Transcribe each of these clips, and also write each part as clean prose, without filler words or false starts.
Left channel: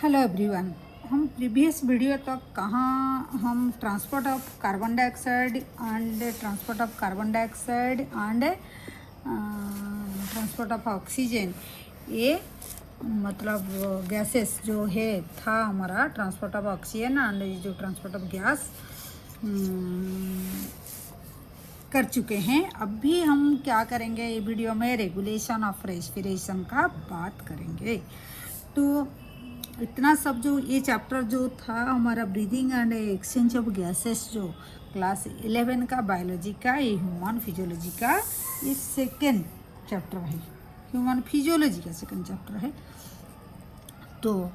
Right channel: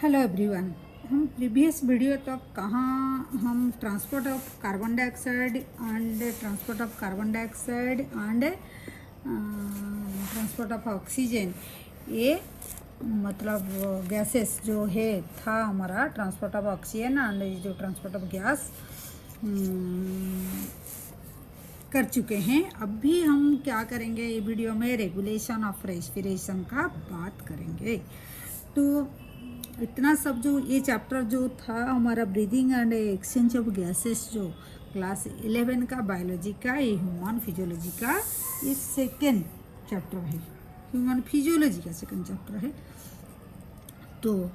Hello everyone. हम previous video तक हम transport of carbon dioxide and transport of oxygen, ये मतलब गैसेस जो है था हमारा ट्रांसपोर्ट ऑफ ऑक्सीजन एंड जो ट्रांसपोर्ट ऑफ गैस कर चुके हैं। अब भी हम क्या करेंगे, ये वीडियो में रेगुलेशन ऑफ रेस्पिरेशन का बात करेंगे। तो इतना सब जो ये चैप्टर जो था हमारा breathing and exchange of gases, जो क्लास 11 का बायोलॉजी का, ये ह्यूमन फिजियोलॉजी का ये सेकेंड चैप्टर है। ह्यूमन फिजियोलॉजी का सेकेंड चैप्टर है। तो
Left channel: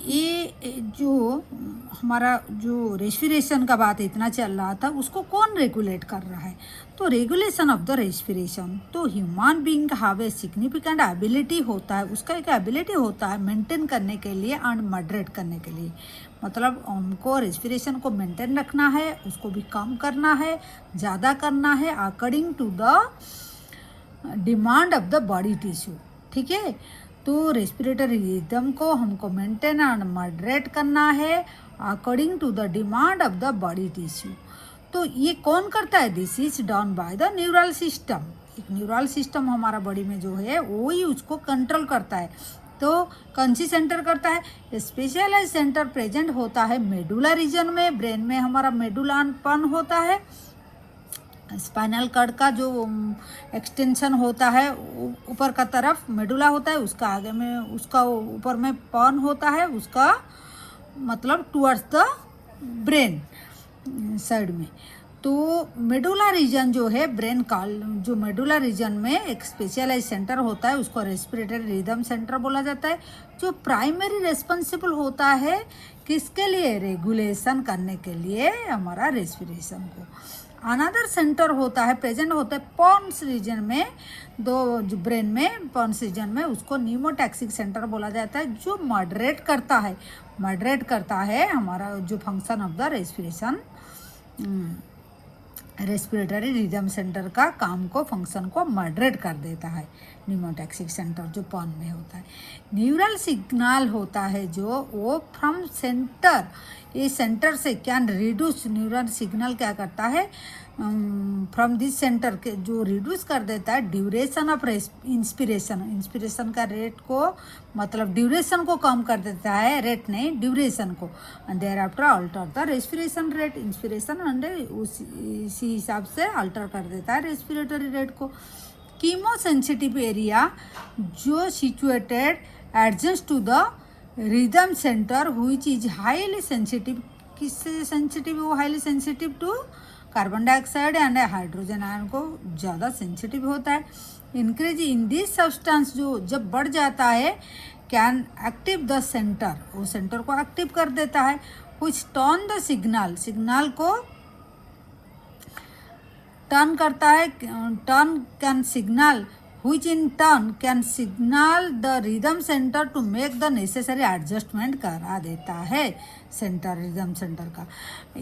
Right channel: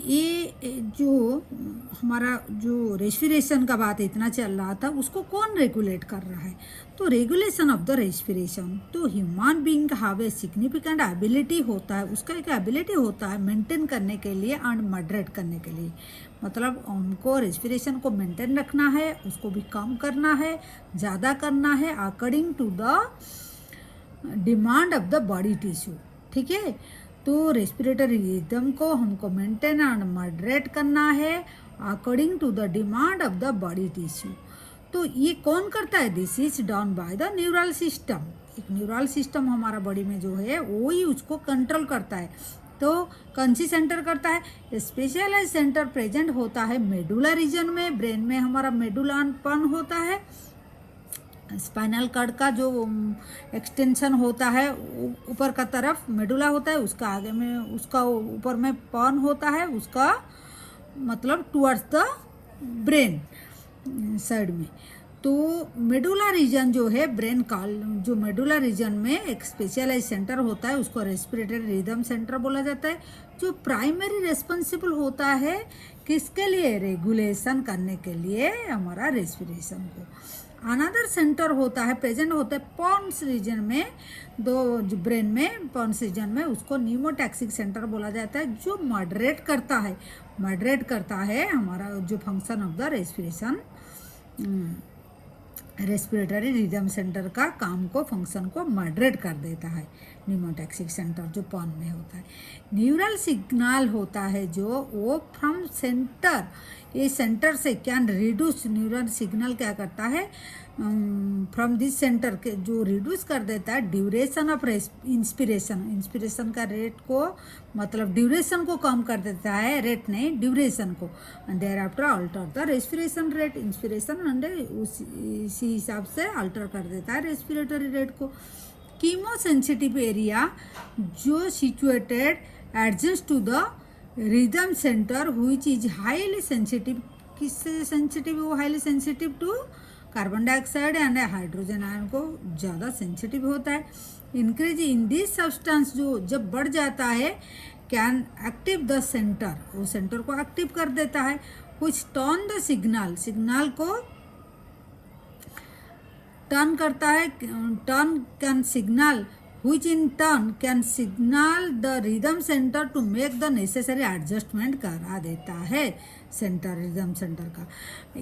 ये जो हमारा जो रेस्पिरेशन का बात इतना चल रहा था, उसको कौन रेगुलेट कर रहा है? तो रेगुलेशन ऑफ द रेस्पिरेशन, तो human being have a significant ability होता है, उसका एक एबिलिटी होता है मेंटेन करने के लिए एंड मॉडरेट करने के लिए। मतलब हमको रेस्पिरेशन को मेंटेन रखना है, उसको भी कम करना है, ज़्यादा करना है according to the demand of the body tissue. ठीक है, तो रेस्पिरेटरी रिदम को हमको मेंटेन एंड मॉडरेट करना है according to the demand of the body tissue. तो ये कौन करता है? This is done by the neural system. एक न्यूरल सिस्टम हमारा बॉडी में जो है वो ही उसको कंट्रोल करता है। तो कौन सी सेंटर करता है? स्पेशलाइज सेंटर प्रेजेंट होता है मेडुला रीजन में। ब्रेन में हमारा मेडुलापन होता है। स्पाइनल कॉर्ड का जो एक्सटेंशन होता है ऊपर का तरफ मेडुला होता है, उसका आगे में उसका ऊपर में पॉन होता है, उसका मतलब टुवर्ड्स द ब्रेन साइड में। तो मेडुला रीजन जो है ब्रेन का, जो मेडुला रीजन में एक स्पेशलाइज सेंटर होता है, उसको रेस्पिरेटरी रिदम सेंटर बोला जाता है, जो प्राइमरी रेस्पॉन्सिबल होता है किसके लिए? रेगुलेशन करने के लिए हमारा रेस्पिरेशन को। अनदर सेंटर होता है प्रेजेंट होता है पॉन्स रीजन में, दो जो ब्रेन में पॉन्स रीजन में, उसको न्यूमोटैक्सिक सेंटर बोला जाता है, जो मॉडरेट करता है हमारा जो function of the respiration, respiratory rhythm centre का काम को, फंक्शन को मॉडरेट कर देता है न्यूमोटैक्सिक सेंटर जो पॉन में होता है। न्यूरल सिग्नल होता है जो वो फ्रॉम सेंटर, ये सेंटर से कैन रिड्यूस, न्यूरल सिग्नल क्या करता है फ्रॉम दिस सेंटर के जो रिड्यूस कर देता है ड्यूरेशन ऑफ इंस्पिरेशन का रेट को, मतलब ड्यूरेशन को कम कर देता है, रेट नहीं ड्यूरेशन को। And thereafter alter the respiration rate, inspiration and उसी हिसाब से अल्टर कर देता है रेस्पिरेटरी रेट को। कीमो सेंसिटिव एरिया जो situated adjacent to the rhythm centre which is highly sensitive, किससे सेंसिटिव? वो highly sensitive to carbon dioxide and hydrogen ion को ज़्यादा सेंसिटिव होता है। इंक्रीज इन दिस सब्सटेंस जो जब बढ़ जाता है कैन एक्टिव द सेंटर, वो सेंटर को एक्टिव कर देता है, व्हिच टर्न द सिग्नल को टर्न करता है, turn can signal which in turn can signal the rhythm center to make the necessary adjustment करा देता है सेंटर, रिदम सेंटर का।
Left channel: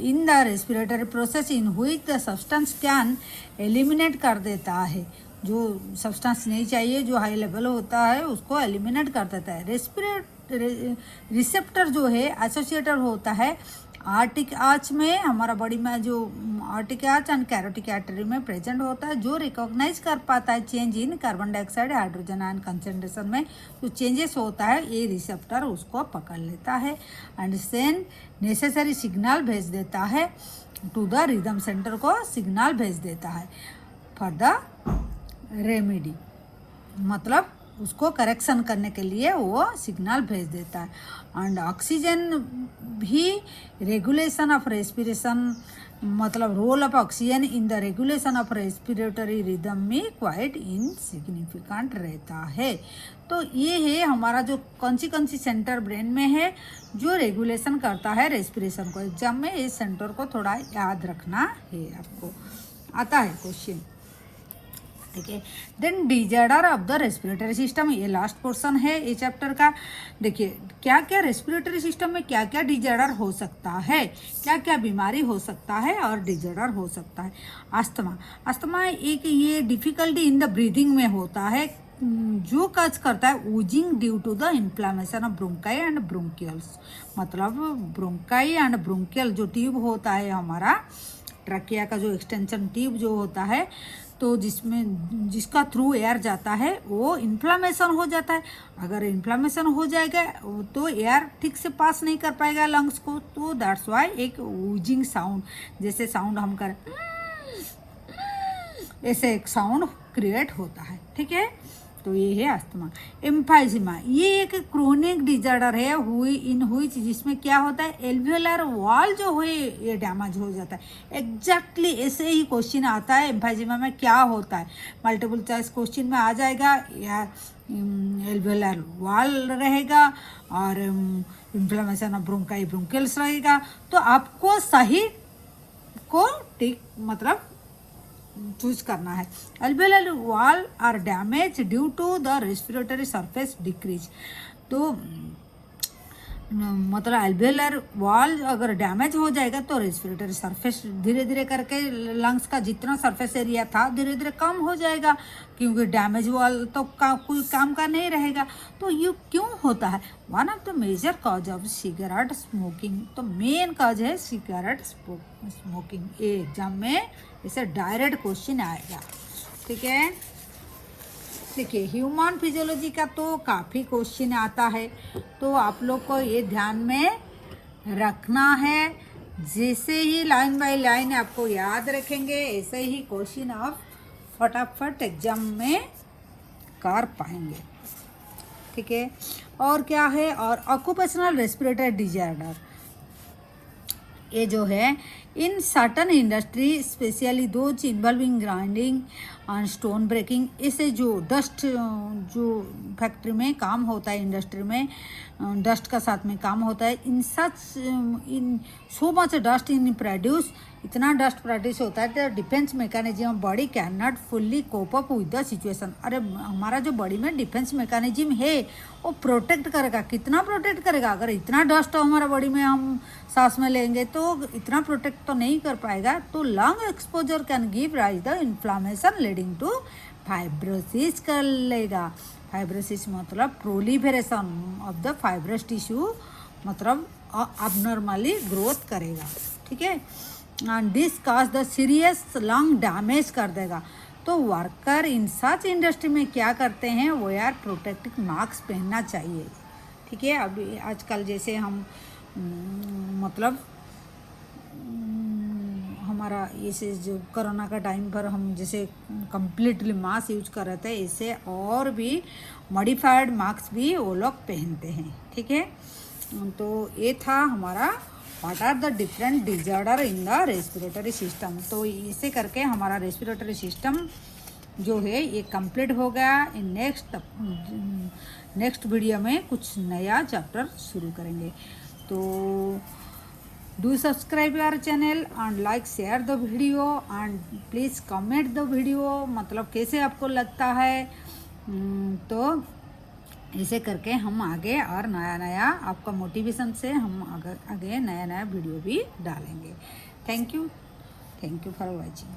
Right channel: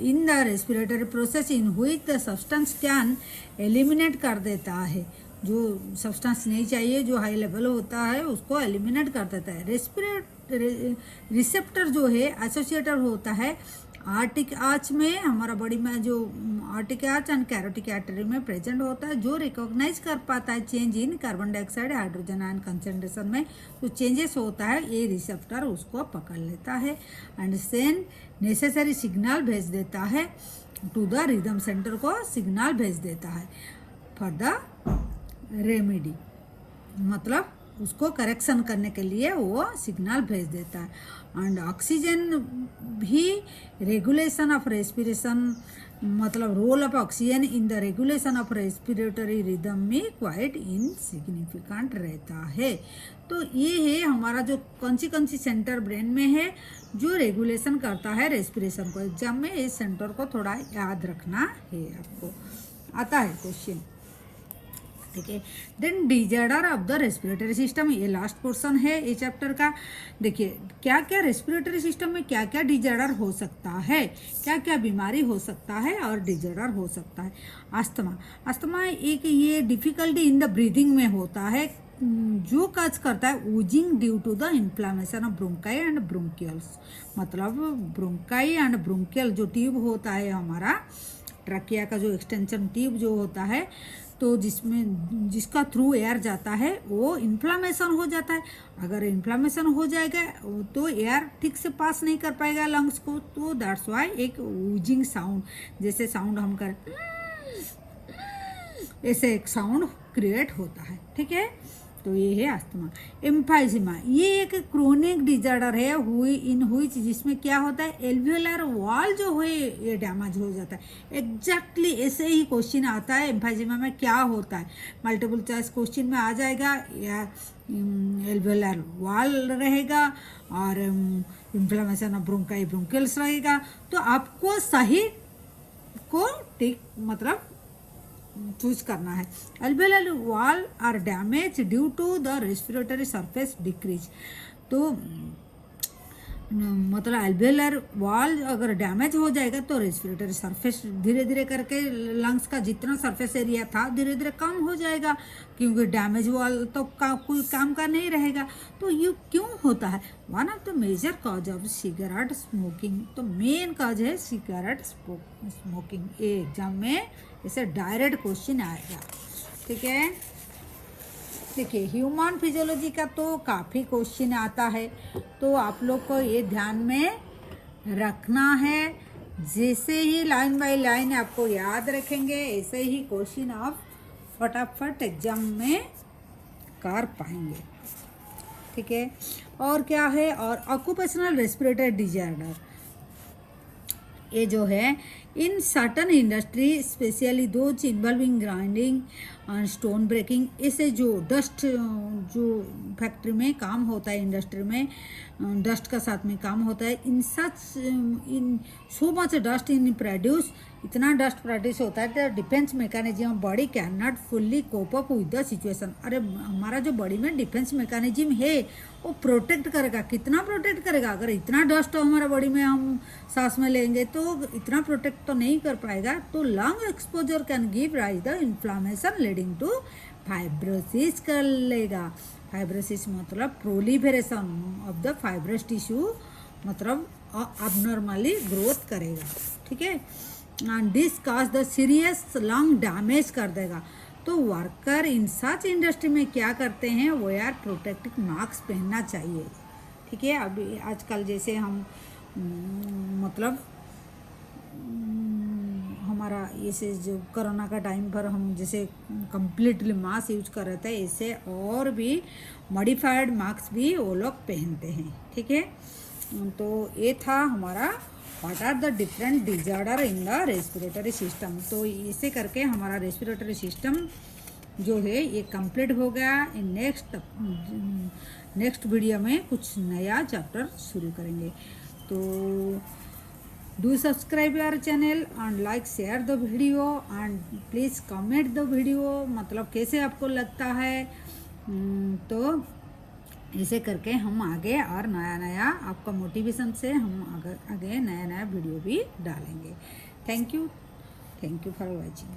इन the respiratory process in which the substance can eliminate कर देता है, जो सब्सटेंस नहीं चाहिए जो हाई लेवल होता है उसको एलिमिनेट कर देता है। रिसेप्टर जो है एसोसिएटेड होता है आर्टिक आर्च में, हमारा बॉडी में जो आर्टिक आर्च एंड कैरोटिक आर्टरी में प्रेजेंट होता है, जो रिकॉग्नाइज कर पाता है change in carbon dioxide hydrogen ion concentration में जो चेंजेस होता है, ये रिसेप्टर उसको पकड़ लेता है एंड सेंड नेसेसरी सिग्नल भेज देता है टू द रिदम सेंटर को, सिग्नल भेज देता है फॉर द रेमेडी, मतलब उसको करेक्शन करने के लिए वो सिग्नल भेज देता है। एंड ऑक्सीजन भी रेगुलेशन ऑफ रेस्पिरेशन, मतलब role of oxygen in the regulation of respiratory rhythm में क्वाइट इनसिग्निफिकेंट रहता है। तो ये है हमारा जो कौन सी सेंटर ब्रेन में है जो रेगुलेशन करता है रेस्पिरेशन को। एग्जाम में इस सेंटर को थोड़ा याद रखना है, आपको आता है क्वेश्चन। ठीक है, then disorder of the respiratory system, ये लास्ट पोर्शन है ये चैप्टर का। देखिए क्या क्या रेस्पिरेटरी सिस्टम में क्या क्या डिजॉर्डर हो सकता है, क्या क्या बीमारी हो सकता है और डिजॉर्डर हो सकता है। अस्थमा एक ये डिफिकल्टी इन द ब्रीदिंग में होता है, जो काज करता है wheezing due to the inflammation of bronchi and bronchioles, मतलब ब्रोंकाई एंड ब्रोंकियल जो ट्यूब होता है हमारा ट्रकिया का जो एक्सटेंशन ट्यूब जो होता है, तो जिसका थ्रू एयर जाता है वो इन्फ्लामेशन हो जाता है। अगर इन्फ्लामेशन हो जाएगा तो एयर ठीक से पास नहीं कर पाएगा लंग्स को, तो दैट्स वाई एक वूजिंग साउंड, जैसे साउंड हम कर ऐसे एक साउंड क्रिएट होता है। ठीक है, तो ये है अस्थमा। एम्फाइजीमा ये एक क्रोनिक डिजार्डर है हुई जिसमें क्या होता है, एल्वियोलर वॉल जो है ये डैमेज हो जाता है। एग्जैक्टली ऐसे ही क्वेश्चन आता है एम्फाइजीमा में क्या होता है, मल्टीपल चॉइस क्वेश्चन में आ जाएगा, या एल्वियोलर वॉल रहेगा और इन्फ्लेमेशन ऑफ ब्रोंकाई ब्रोंकियल्स रहेगा। तो आपको सही को टिक मतलब चूज करना है। Alveolar wall are damage due to the respiratory surface decrease, तो मतलब अल्वेओलर वॉल अगर डैमेज हो जाएगा तो रेस्पिरेटरी सरफेस धीरे धीरे करके लंग्स का जितना सरफेस एरिया था धीरे धीरे कम हो जाएगा, क्योंकि डैमेज वॉल तो कोई काम का नहीं रहेगा। तो ये क्यों होता है, one of the major cause of cigarette smoking, तो मेन कॉज है सिगरेट स्मोकिंग। ये एग्जाम में इसे डायरेक्ट क्वेश्चन आएगा। ठीक है, देखिए ह्यूमन फिजियोलॉजी का तो काफ़ी क्वेश्चन आता है, तो आप लोग को ये ध्यान में रखना है। जैसे ही लाइन बाय लाइन आपको याद रखेंगे ऐसे ही क्वेश्चन आप फटाफट एग्जाम में कर पाएंगे। ठीक है, और क्या है, और ऑक्यूपेशनल रेस्पिरेटरी डिजार्डर, ये जो है in certain industry especially those involving grinding and stone breaking, ऐसे जो डस्ट जो फैक्ट्री में काम होता है, इंडस्ट्री में डस्ट का साथ में काम होता है, in so much dust in produce, इतना डस्ट प्रोड्यूस होता है defence mechanism body can not fully cope up with the situation. अरे हमारा जो बॉडी में डिफेंस मैकेनिज्म है वो प्रोटेक्ट करेगा, कितना प्रोटेक्ट करेगा, अगर इतना डस्ट हमारा बॉडी में हम सांस में लेंगे तो इतना प्रोटेक्ट तो नहीं कर पाएगा। तो lung exposure can give rise the inflammation leading to fibrosis कर लेगा। फाइब्रोसिस मतलब proliferation of the fibrous tissue, मतलब अबनॉर्मली ग्रोथ करेगा। ठीक है, and this cause the serious lung damage कर देगा। तो वर्कर इन सच इंडस्ट्री में क्या करते हैं, वो यार प्रोटेक्टिव मास्क पहनना चाहिए। ठीक है, अभी आजकल जैसे हम मतलब हमारा इसे जो कोरोना का टाइम पर हम जैसे कम्प्लीटली मास्क यूज कर रहे थे, इससे और भी मॉडिफाइड मास्क भी वो लोग पहनते हैं। ठीक है, तो ये था हमारा what are the different disorder in the respiratory system. तो इसे करके हमारा रेस्पिरेटरी सिस्टम जो है ये कंप्लीट हो गया। नेक्स्ट वीडियो में कुछ नया चैप्टर शुरू करेंगे। तो do subscribe our channel and like share the video and please comment the video, मतलब कैसे आपको लगता है। तो इसे करके हम आगे और नया नया आपका मोटिवेशन से हम आगे नया नया वीडियो भी डालेंगे। Thank you for watching.